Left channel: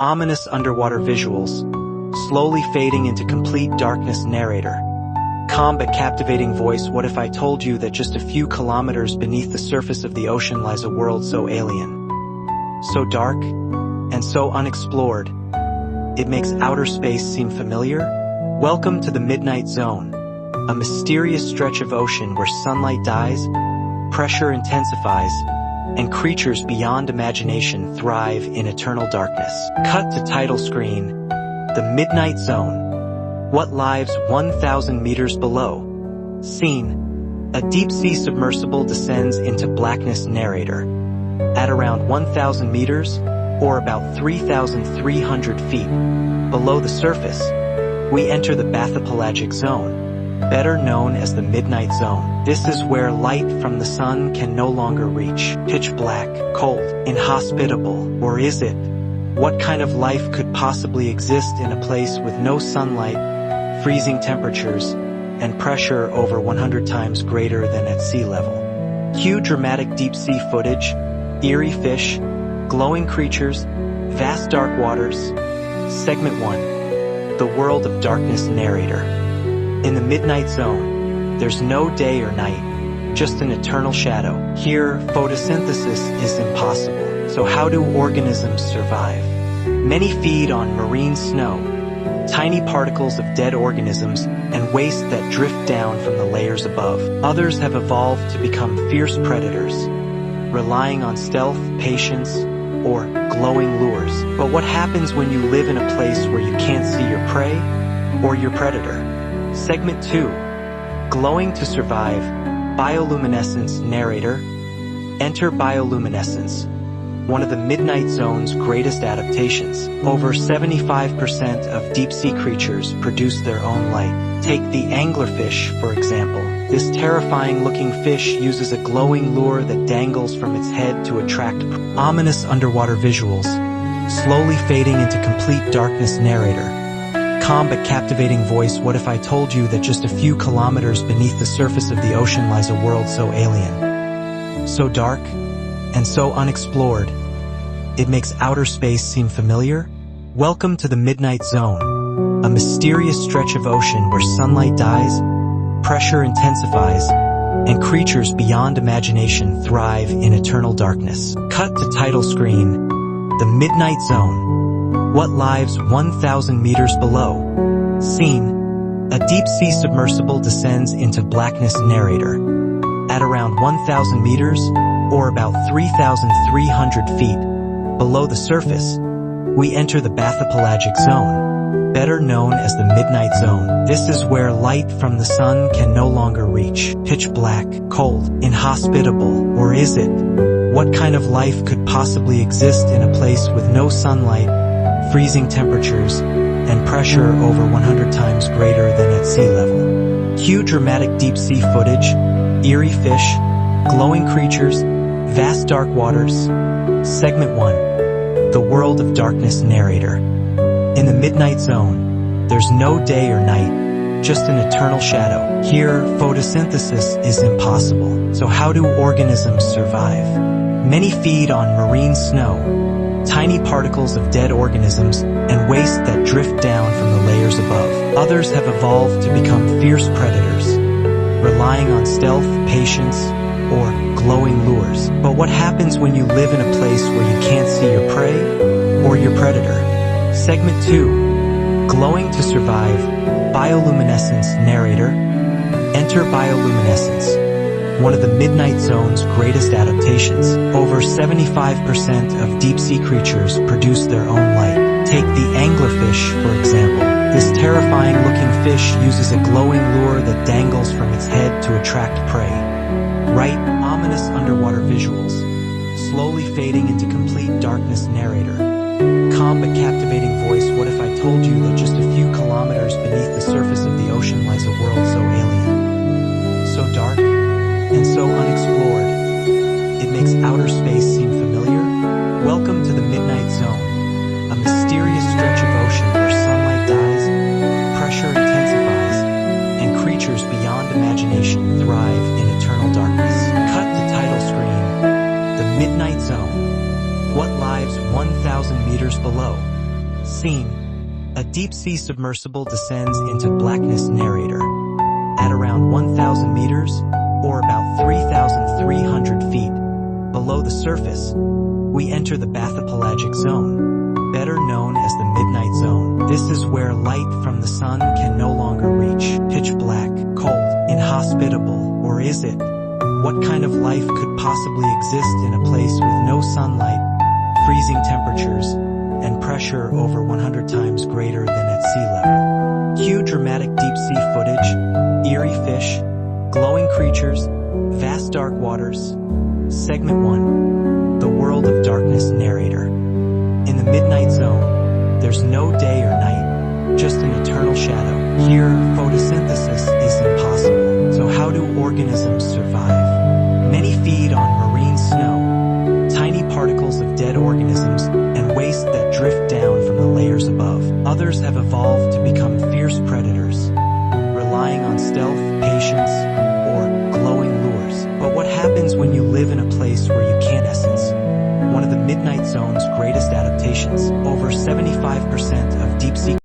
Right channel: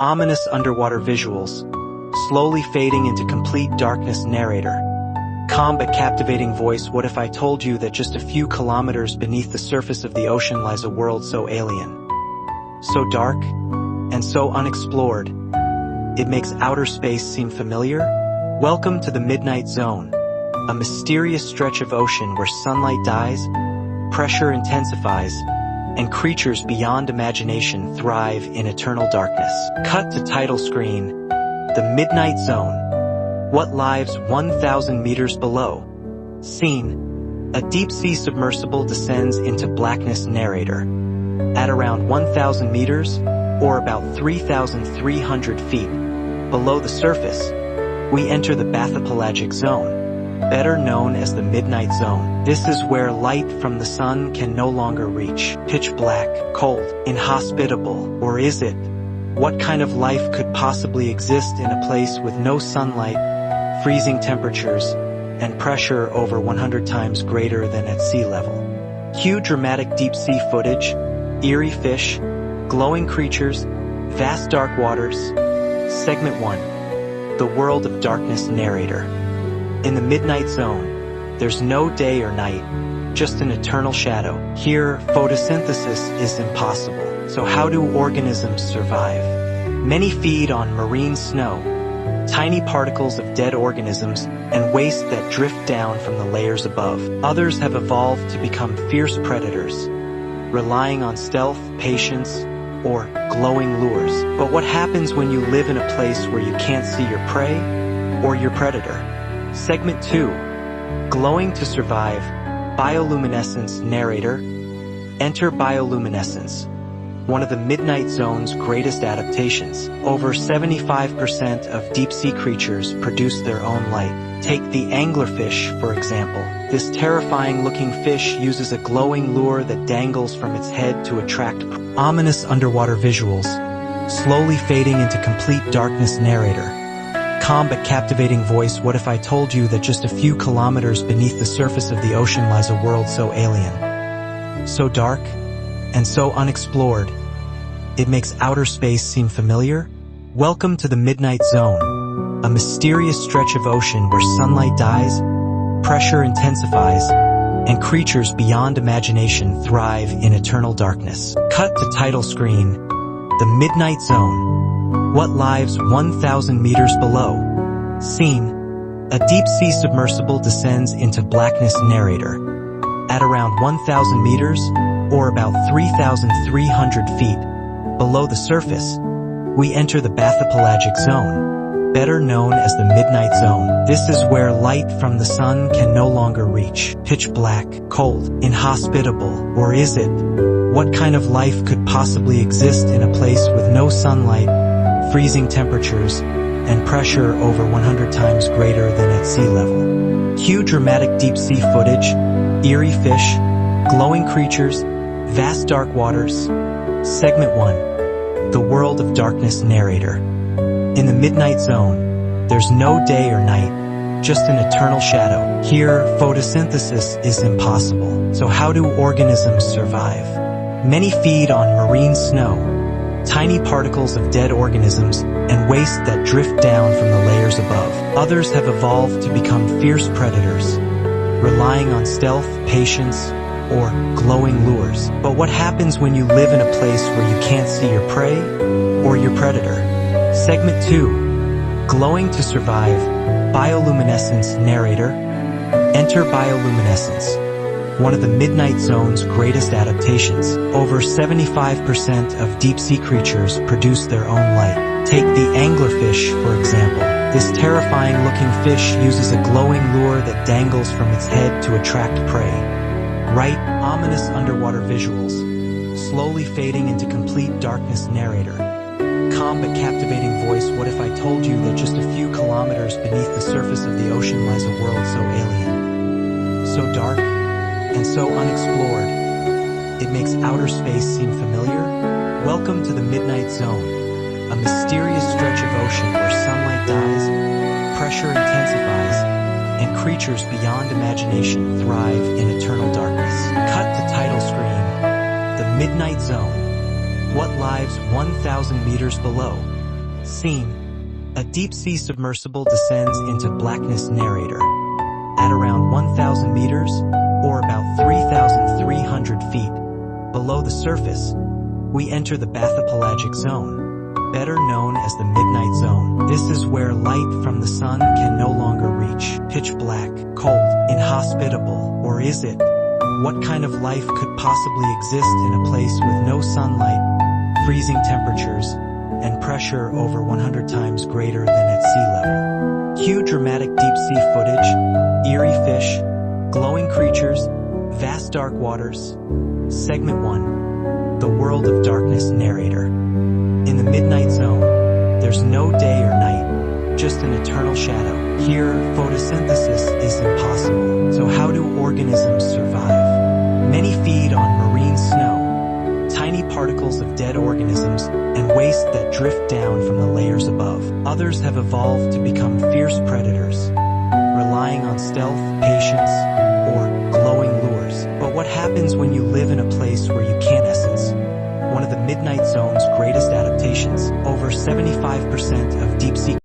Ominous underwater visuals, slowly fading into complete darkness. Narrator. Calm but captivating voice. What if I told you that just a few kilometers beneath the surface of the ocean lies a world so alien, so dark, and so unexplored, it makes outer space seem familiar? Welcome to the Midnight Zone, a mysterious stretch of ocean where sunlight dies, pressure intensifies, and creatures beyond imagination thrive in eternal darkness. Cut to title screen, The Midnight Zone. What lies 1,000 meters below? Scene: a deep-sea submersible descends into blackness. Narrator. At around 1,000 meters, or about 3,300 feet, below the surface, we enter the bathypelagic zone, better known as the Midnight Zone. This is where light from the sun can no longer reach. Pitch black, cold, inhospitable. Or is it? What kind of life could possibly exist in a place with no sunlight, freezing temperatures, and pressure over 100 times greater than at sea level? Cue dramatic deep-sea footage, eerie fish, glowing creatures, vast dark waters. Segment 1. The World of Darkness. Narrator. In the Midnight Zone, there's no day or night, just an eternal shadow. Here, photosynthesis is impossible. So how do organisms survive? Many feed on marine snow, tiny particles of dead organisms and waste that drift down from the layers above. Others have evolved to become fierce predators, relying on stealth, patience, or glowing lures. But what happens when you live in a place where you can't see your prey or your predator? Segment 2. Glowing to survive. Bioluminescence. Narrator. Enter bioluminescence, one of the Midnight Zone's greatest adaptations. Over 75% of deep-sea creatures produce their own light. Take the anglerfish, for example. This terrifying-looking fish uses a glowing lure that dangles from its head to attract ominous underwater visuals, slowly fading into complete darkness. Narrator. Calm but captivating voice. What if I told you that just a few kilometers beneath the surface of the ocean lies a world so alien, so dark, and so unexplored, it makes outer space seem familiar? Welcome to the Midnight Zone, a mysterious stretch of ocean where sunlight dies, pressure intensifies, and creatures beyond imagination thrive in eternal darkness. Cut to title screen, The Midnight Zone. What lies 1,000 meters below? Scene: a deep-sea submersible descends into blackness. Narrator. At around 1,000 meters, or about 3,300 feet, below the surface, we enter the bathypelagic zone, better known as the Midnight Zone. This is where light from the sun can no longer reach. Pitch black, cold, inhospitable. Or is it? What kind of life could possibly exist in a place with no sunlight, freezing temperatures, and pressure over 100 times greater than at sea level? Cue dramatic deep-sea footage, eerie fish, glowing creatures, vast dark waters. Segment 1. The World of Darkness. Narrator. In the Midnight Zone, there's no day or night, just an eternal shadow. Here, photosynthesis is impossible. So how do organisms survive? Many feed on marine snow, tiny particles of dead organisms, and waste that drift down from the layers above. Others have evolved to become fierce predators, relying on stealth, patience, or glowing lures. But what happens when you live in a place where you can't see your prey or your predator? Segment 2. Glowing to survive. Bioluminescence. Narrator. Enter bioluminescence, one of the Midnight Zone's greatest adaptations. Over 75% of deep-sea creatures produce their own light. Take the anglerfish, for example. This terrifying-looking fish uses a glowing lure that dangles from its head to attract prey. Right, ominous underwater visuals, slowly fading into complete darkness. Narrator. Calm but captivating voice. What if I told you that just a few kilometers beneath the surface of the ocean lies a world so alien, so dark, and so unexplored, it makes outer space seem familiar? Welcome to the Midnight Zone, a mysterious stretch of ocean where sunlight dies, pressure intensifies, and creatures beyond imagination thrive in eternal darkness. Cut to title screen, The Midnight Zone. What lies 1,000 meters below? Scene. A deep-sea submersible descends into blackness narrator. At around 1,000 meters, or about 3,300 feet, below the surface, we enter the bathypelagic zone, better known as the midnight zone. This is where light from the sun can no longer reach. Pitch black, cold, inhospitable, or is it? What kind of life could possibly exist in a place with no sunlight, freezing temperatures, and pressure over 100 times greater than at sea level? Cue dramatic deep-sea footage, eerie fish, glowing creatures, vast dark waters. Segment 1. The World of Darkness narrator. In the midnight zone, there's no day or night, just an eternal shadow. Here, photosynthesis is impossible. So how do organisms survive? Many feed on marine snow, tiny particles of dead organisms, and waste that drift down from the layers above. Others have evolved to become fierce predators, relying on stealth, patience, or glowing lures. But what happens when you live in a place where you can't essence? One of the midnight zone's greatest adaptations. Over 75% of deep-sea